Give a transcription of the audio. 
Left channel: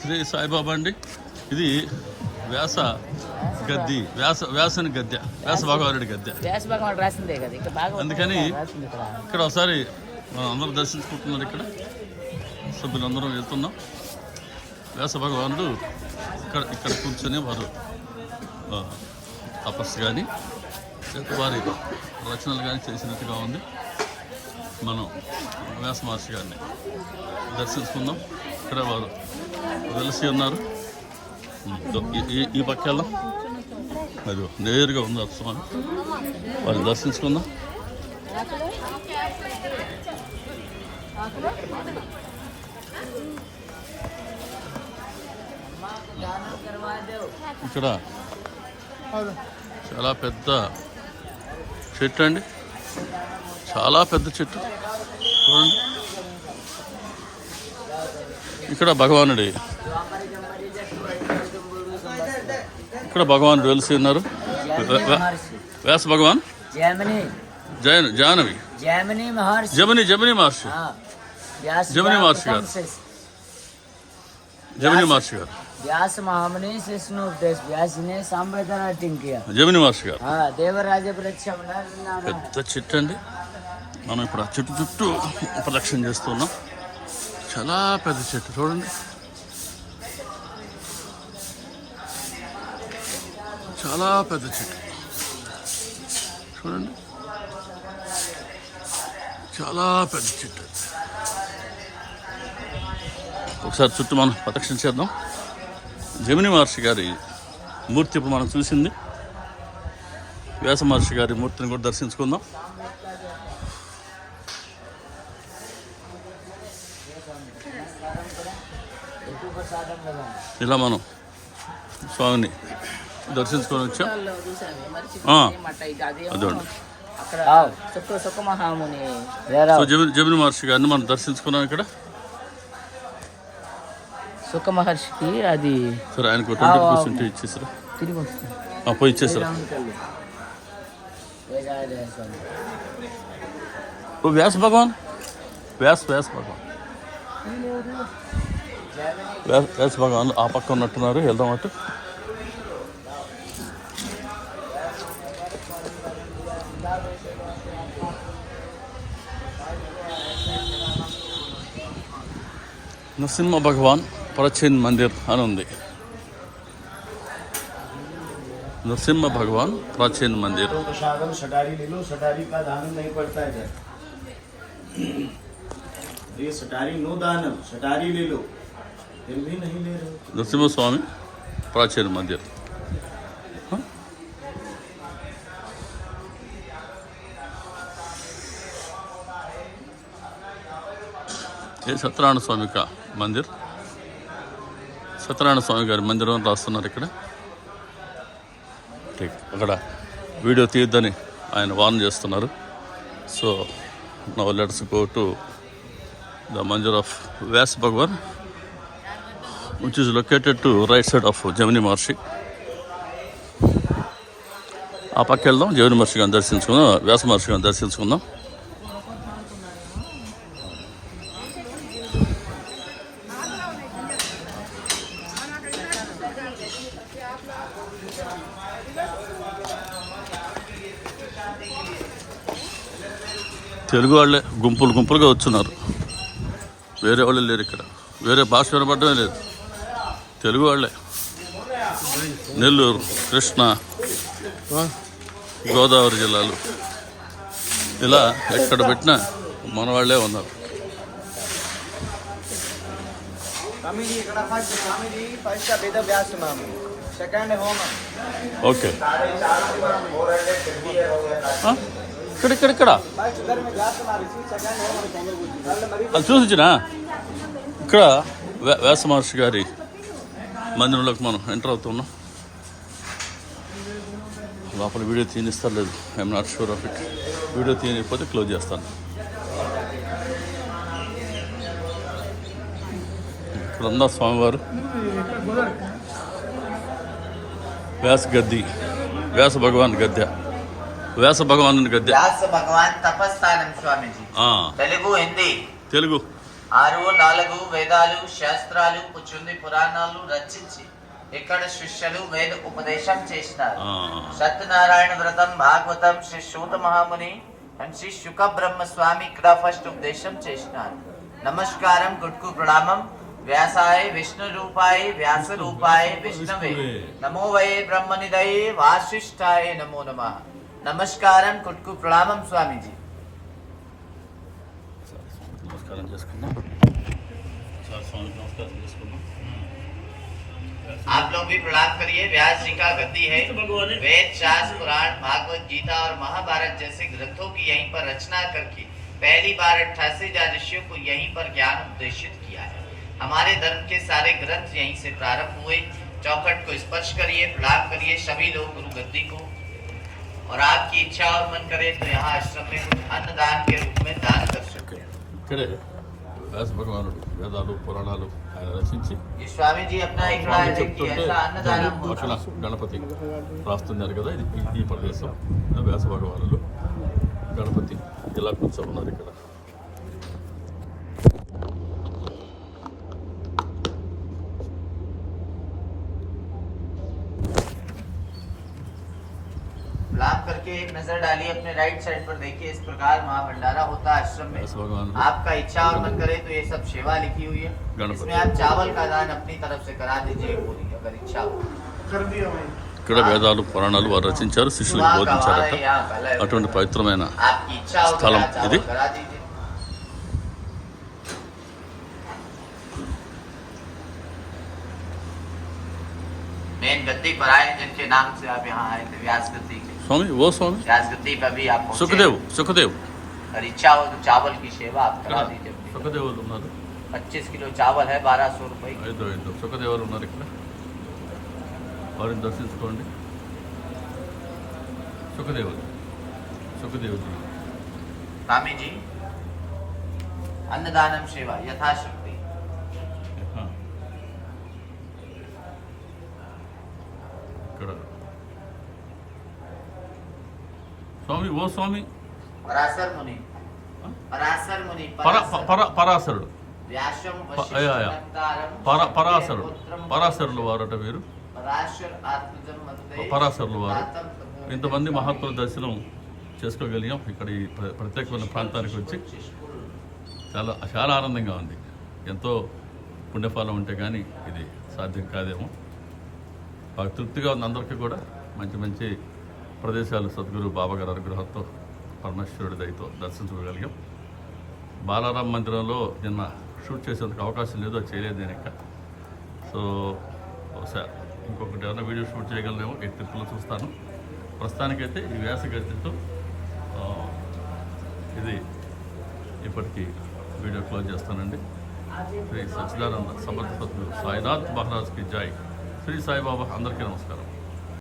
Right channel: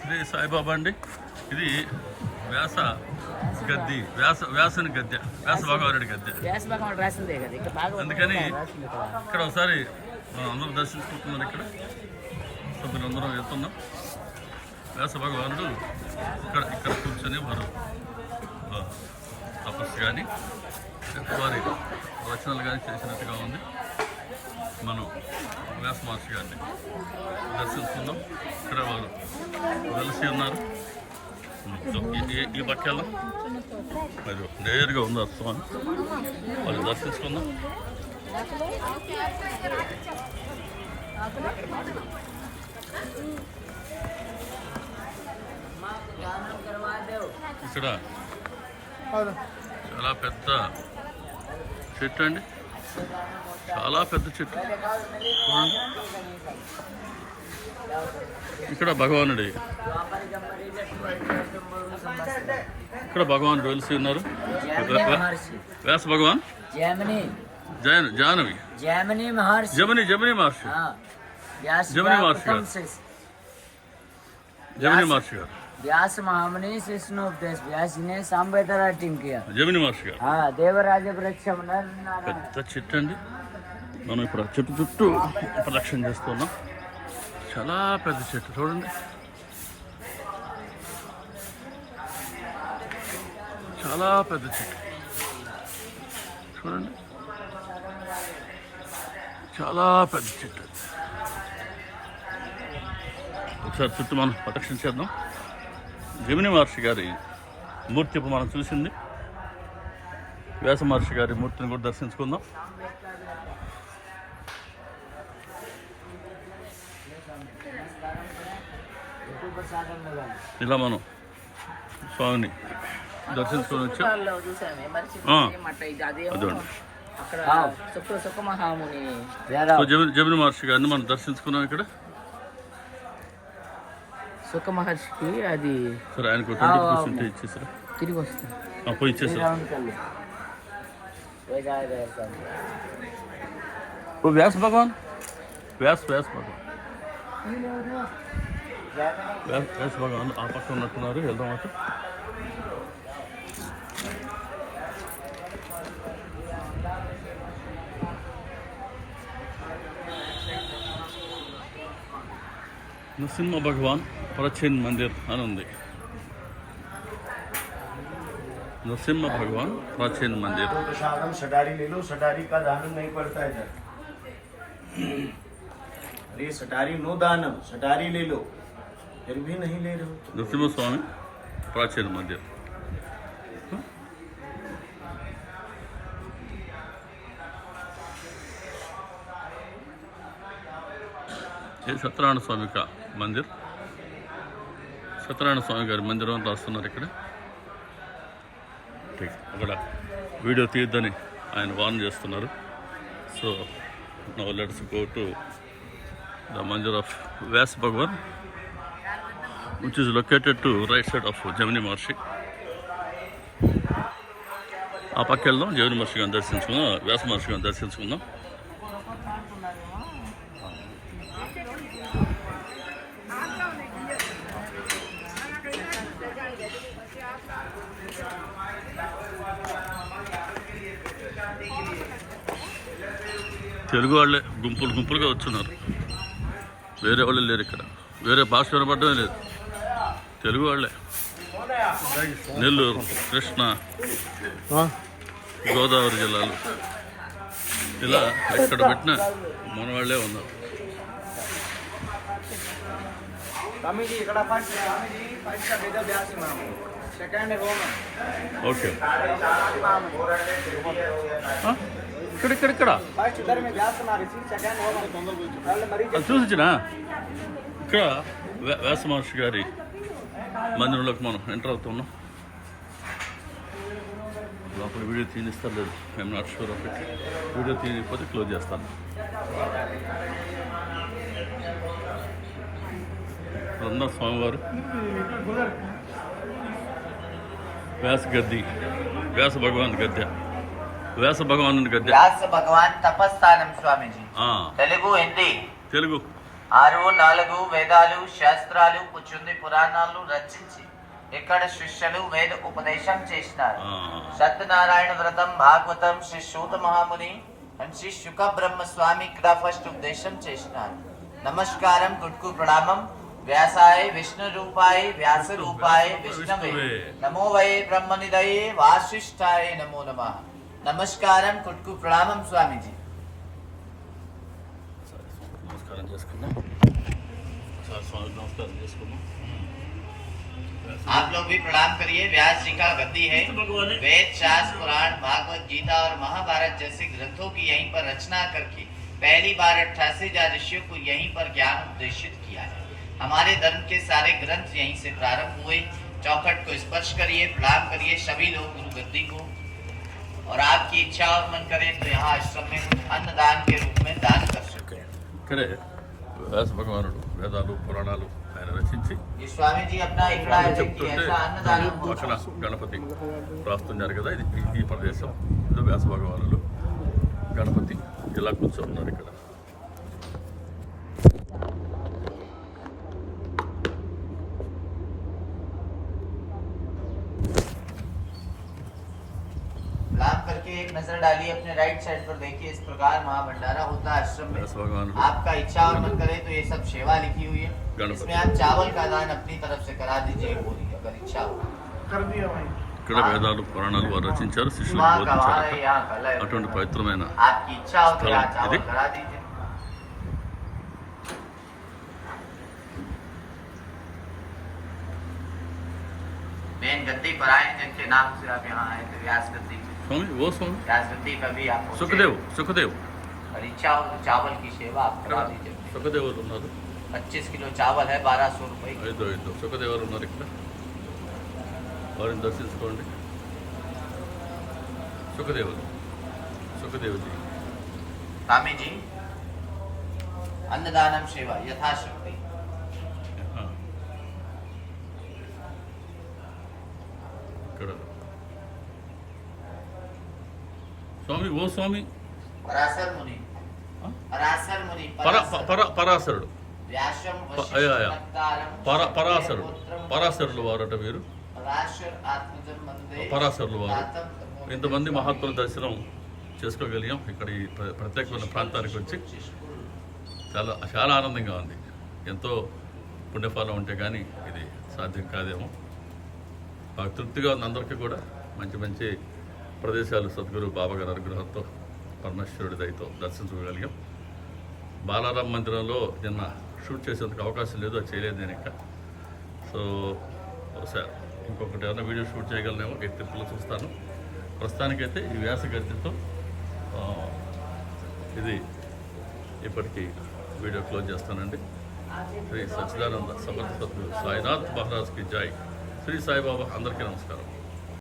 శ్రీ సాయిబాబా అండి. ఇది వ్యాస గద్ది వ్యాస వ్యాసుని గద్దె వ్యాస భగవానుడి గద్దె. అందుకని. ఇక్కడ ఒకసారి మనం అందరం దర్శించుకుంటున్నారు ఇక్కడ. సభ్యులందరం వెళ్తున్నాం. వ్యాస భగవానుడు ఇక్కడ ఇక్కడ కూర్చొని వారు ఆ, తపస్సు కానీ వారి రచనలు కానీ చేసినట్టుగా ఉంది. మనం వ్యాస మహర్షి గారిని దర్శించుకుందాం. ఇక్కడ వారు వెలిసి ఉన్నారు. ఈ పక్కలో మీరు నేరుగా ఉంది స్వామి. వాళ్ళు దర్శించుకుందాం. ఇక్కడ చాలా పెద్ద చెట్టు అండి. చాలా పెద్ద చెట్టు. ఇక్కడ భగవానుడి. ఇక్కడ భగవానుడు వెలిసి ఉన్నారు. వ్యాస భగవాన్? జానవి జమిని జమిని మహర్షి. జమిని మహర్షి గారు. జమిని మహర్షి గారు. व्यास महामुनि शिष्णु उपदेश व्यास जी ने सांबेदर राइटिंग किया జమిని మహర్షి గారు हाँ देवराज वृक्षम नर नारायण పెద్ద చెట్టు అండి మనం ఇప్పుడు ఆ చెట్టు చుట్టూ ప్రదక్షిణ చేస్తున్నాం చాలా పెద్ద చెట్టు చూడండి చాలా పెద్ద చెట్టు చూడండి చాలా పెద్ద చెట్టు అది. ఒకసారి చుట్టూ మనం ప్రదక్షిణ చేద్దాం జమిని మహర్షి గారి మూర్తి ఇప్పుడు మనం చూసింది. వ్యాస మహర్షి గారి మూర్తిని కూడా దర్శించుకుందాం. ఇలా మనం స్వామిని దర్శించుకొని వచ్చాం. అదండి సో జమిని మహర్షి గారిని మనం దర్శించుకున్నాం ఇక్కడ. సుఖ మహర్షికి అది సరే ఆయనకు ట్వంటీ రూపీస్ ఉంటే ఇచ్చేసారా? తిరిగి వస్తుంది ఆ, పోయి ఇచ్చేసారా? ఓ వ్యాస భగవాన్? వ్యాస్ వ్యాస్ భగవాన్. వ్యాస్ వ్యాస భగవాన్ ఆ పక్క ఉన్నట్టున్నారు. వెళ్దాం అటు. నరసింహ భగవాన్. ప్రాచీన్ మందిర్ అని ఉంది नरसिम्हा भगवान प्राचीन मंदिर तो प्रसादम सटारी ले लो सटारी का दानम नहीं पड़ता है इधर अरे सटारी नो दानम सटारी ले लो फिर भी नहीं ले रहे हो नरसिम्हा स्वामी प्राचीन मंदिर हाँ? ये సత్యనారాయణ స్వామి కా మందిర్ సత్యనారాయణ స్వామి గారి మందిరం అని రాస్తున్నారు ఇక్కడ. అక్కడ వీడియో తీయద్దని ఆయన వార్న్ చేస్తున్నారు. So now let's go to the mandir of Vyas Bhagwan which is located to right side of Jaimini Maharshi ఆ పక్క వెళ్దాం జమిని మహర్షి గారిని దర్శించుకుందాం వ్యాస మహర్షి గారిని దర్శించుకుందాం. తెలుగు వాళ్ళే గుంపులు గుంపులుగా వచ్చున్నారు. వేరే వాళ్ళు లేరు ఇక్కడ. వేరే భాష వినపడమే లేదు. తెలుగు వాళ్ళే. నెల్లూరు కృష్ణ గోదావరి జిల్లాలు. ఇలా ఎక్కడ పెట్టినా మన వాళ్ళే ఉన్నారు. ఓకే. ఇక్కడ ఇక్కడ ఇక్కడ. అది చూసినా ఇక్కడ వ్యాస మహర్షి గారి మందిరంలోకి మనం ఎంటర్ అవుతున్నాం. లోపల వీడియో తీనిస్తారు లేదు I'm not sure of it video తీయకపోతే close చేస్తాను. ఇక్కడందా స్వామివారు. వ్యాస గద్ది వ్యాస భగవాన్ గద్దె వ్యాస భగవాను గద్దె. వ్యాస భగవాన్ తపస్థానం స్వామీజీ. తెలుగు హిందీ. తెలుగు. ఆరు నాలుగు వేదాలు శాస్త్రాలు పుచ్చుంది పురాణాలు రచించి ఇక్కడ శిష్యులు వేద ఉపదేశం చేసినారు. సత్యనారాయణ వ్రతం భాగవతం శ్రీ సూత మహాముని అండ్ శ్రీ శుక బ్రహ్మ స్వామి ఇక్కడ ఫస్ట్ ఉపదేశం చేసినారు. నమస్కారం గుడ్కు ప్రణామం. వ్యాసాయ విష్ణు రూపాయ వ్యాస రూపాయ విష్ణవే. నమో వై బ్రహ్మనిదయే వాసిష్ఠాయ నమో నమ. నమస్కారం గుడ్కు ప్రణామం స్వామీజీ నమస్కారం చేసుకుందాం సార్ స్వామి నమస్కారం చేసుకుందాం आप लोग भी प्रणाम करिए व्यास जी का गद्दी है वेद शास्त्र पुराण भागवत गीता और महाभारत जैसे ग्रंथों की यहीं पर रचना करके पहली बार अट्ठासी हजार ऋषियों को यहीं पर ज्ञान उपदेशित किया है हमारे धर्म के सारे ग्रंथ यहीं से प्रारंभ हुए चौखट को स्पर्श करिए प्रणाम करिए सभी लोग गुरु गद्दी को और आपकी इच्छा और मन करे तो यहाँ आश्रम में अन्नदान के रूप में दान कर सके ఇక్కడే వ్యాస భగవానుడు వేదాలు పురాణాలు ఆయన రచించి ये स्वामी जी अपना एक స్వామి राज्य की చెప్తుంటే ऐसा अन्नदान అక్కడ గణపతి రాస్తున్నారు కదా ఇది ఈ- ఈ ప్రదేశం ఇది వ్యాస భగవానుడు గణపతి ఇలా కూర్చోన్నారు ఇక్కడ करके एक नजर डालिए अपने राइट साइड पर देखिए इस प्रकार महाभंडारा होता है आश्रम में व्यास भगवान आपका इच्छा और मन करे तो ये सब सेवा लिखी हुई है गणपति। इसमें आप चावल का दान अपनी तरफ से करा दीजिए पूरी अगर इच्छा हो कर दिया भाई ఇక్కడ వేదాలు పురాణాలు వారు రచించారు శిష్యులకు वहाँ का वहाँ బోధించారట है, यहाँ का अलग है। అటువంటి పవిత్రమైన आपकी इच्छा मेन गद्दी पर आए जिनके नाम से आप यहाँ आए थे व्यास गद्दी के స్వామి ఓ స్వామి व्यास गद्दी पर भी आप पहुंचे। సుఖదేవ్ సుఖదేవ్ अगर इच्छा हो तो चावल की सेवा आप करा दीजिए अपनी। సుఖదేవులు ఉన్నారు पच्चीस किलो चावल है बारह सौ रुपए की ఐదు ఐదు సుఖదేవులు ఉన్నారు ఇక్కడ వారిని దర్శించుకోండి సుఖదేవులు సుఖదేవులు स्वामी जी अन्नदानम सेवा ఇక్కడ. స్వామి ఓ స్వామి. పరాశరుడు. పరాశరుడు. పరాశరులు వారట వీరు. పరాశరులు వారు. ఇంతమంది మహాత్ముల దర్శనం చేసుకోగలిగాం ఇక్కడ ఈ ప్రత్యేకమైన ప్రాంతానికి వచ్చి. చాలా చాలా ఆనందంగా ఉంది. ఎంతో పుణ్యఫలం ఉంటే కానీ ఇది సాధ్యం కాదేమో. బాగా తృప్తిగా ఉంది అందరికీ కూడా. మంచి మంచి ప్రదేశాలు సద్గురు బాబా గారి అనుగ్రహంతో పరమేశ్వరుడి దయతో దర్శించుకోగలిగాం. బాలారాం మందిరంలో నిన్న షూట్ చేసేందుకు అవకాశం లేదు అది చేయలేదు నేను ఇంకా. సో ఒకసారి ఇంకొకటి ఏమైనా వీడియో షూట్ చేయగలనేమో ఈ చూస్తాను. ప్రస్తుతానికైతే ఈ వ్యాస గతితో ఇది ఇప్పటికీ వీడియో క్లోజ్ చేస్తానండి. శ్రీ సచ్చిదానంద సమర్థ సాయినాథ్ మహారాజ్కి జాయ్ శ్రీ సాయిబాబా అందరికీ నమస్కారం